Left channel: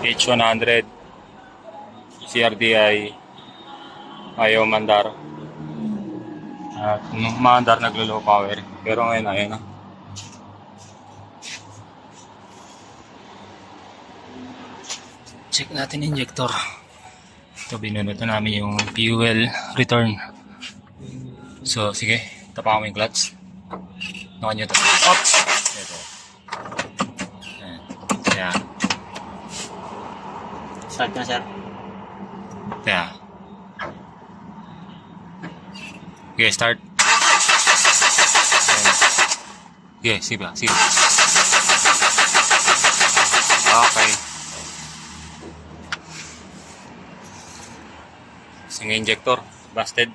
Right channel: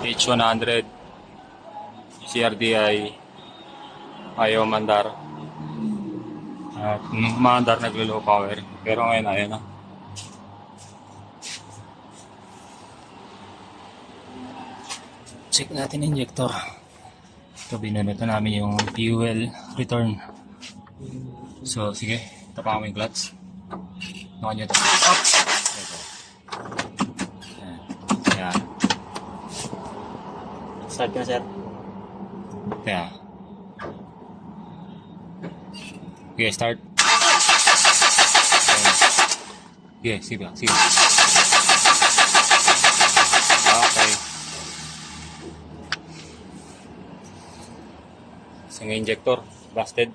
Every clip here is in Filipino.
H100, CRDI, ayaw mandar. At mandar naglo-low power. Pero ngayon ayun na. Check natin injector. Ito, binunod na namin yung fuel return. So, sige. Tapakan mo yung clutch. Nakan nyo ito. Up! Ito. Ayan. Kaya. Start na, sir. Kaya. Okay, start. Okay, sige ba? Sige. Okay. Sige, injector. Busted.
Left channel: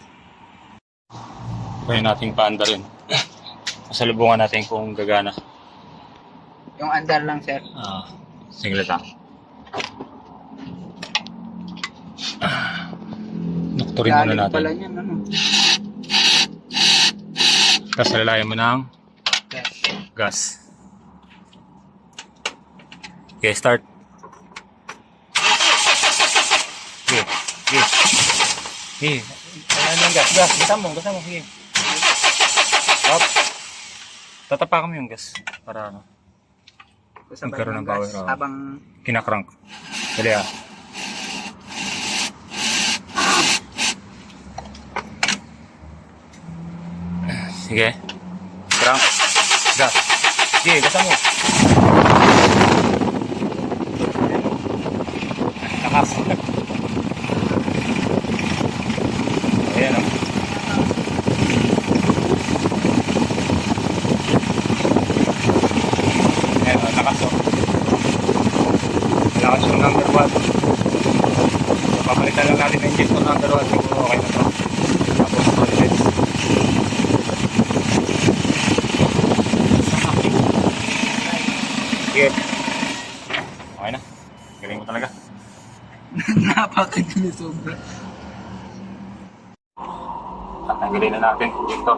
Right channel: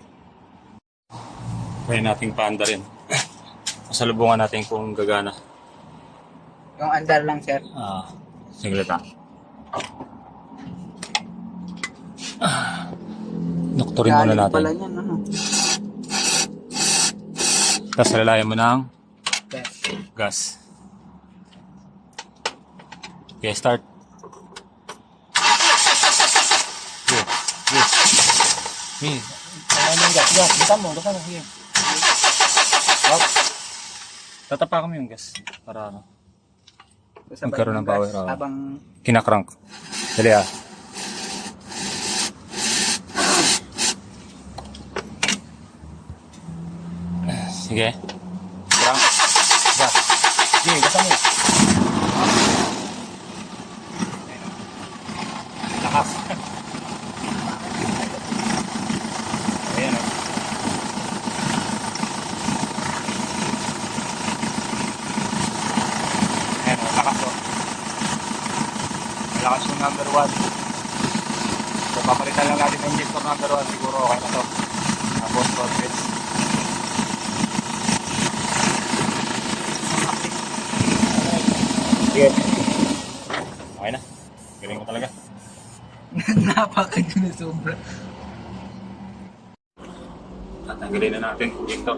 Kaya nating paanda rin. Masalubungan natin kung gagana. Yung andar lang, sir. Singlet ha. Doktorin muna natin. Pala niyan, ano? Tapos lalayan mo ng gas. Okay, start. Okay, okay. Okay. Ayan yung gas. Gas, gasa mo. Sige. Up. Tatapakan mo yung gas. Para ano. Magkaroon ng power. Habang Kinakrank. Dali ah. Sige. Crank. Gas. Sige, gasa mo. Takas. Ayan o. Ayan o, lakas o. Lakas yung number 1. So, papalitan lang natin ng injector number 1. Siguro okay na to. Tapos, confidence. Sige. Okay na. Galing mo talaga. napaka-ginusobra. Tatanggalin na natin ito.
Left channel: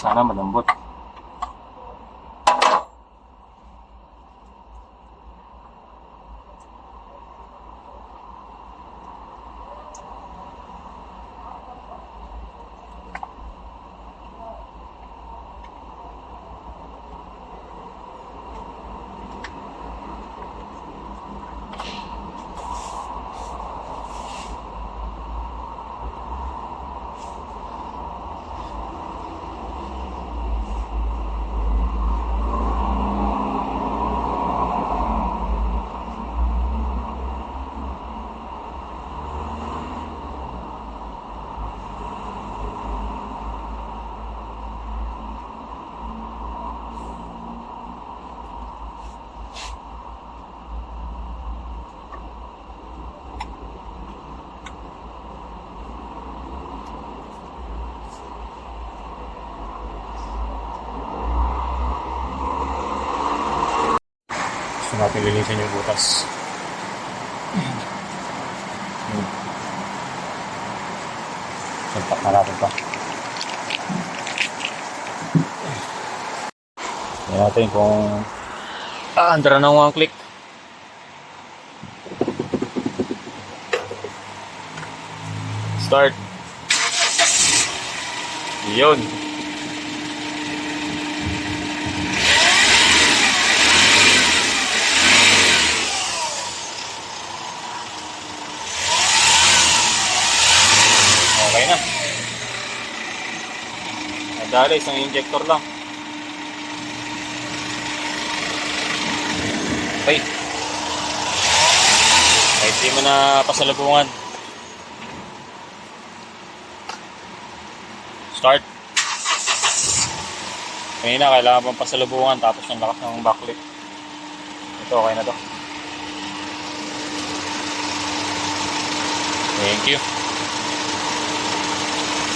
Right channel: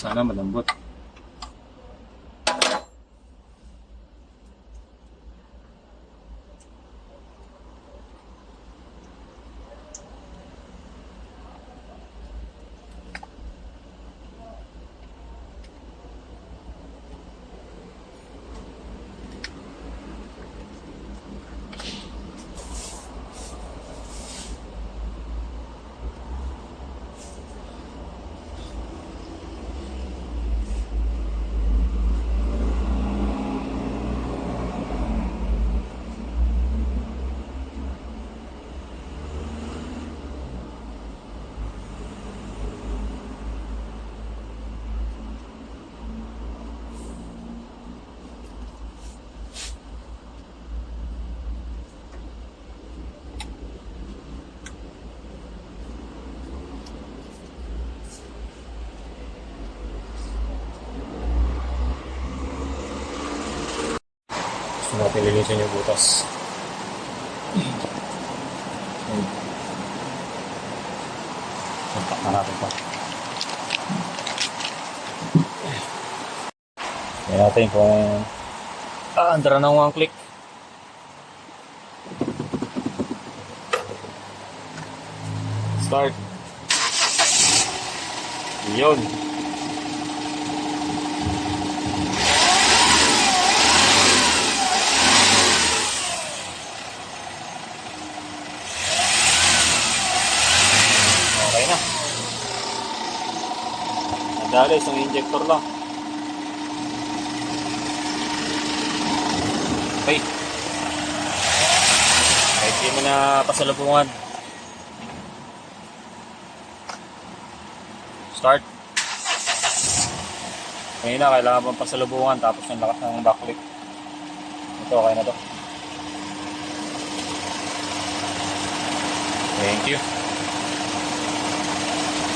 Sana malambot. nililinisan yung butas. Suntak na natin pa. Tignan natin kung andar na ng 1 click. Start. Yun. Okay na. Nadali, isang injector lang. Okay. Kahit di mo na pasalubungan. Start. Kanina kailangan pang pasalubungan tapos yung lakas ng backlift. Ito okay na to. Thank you.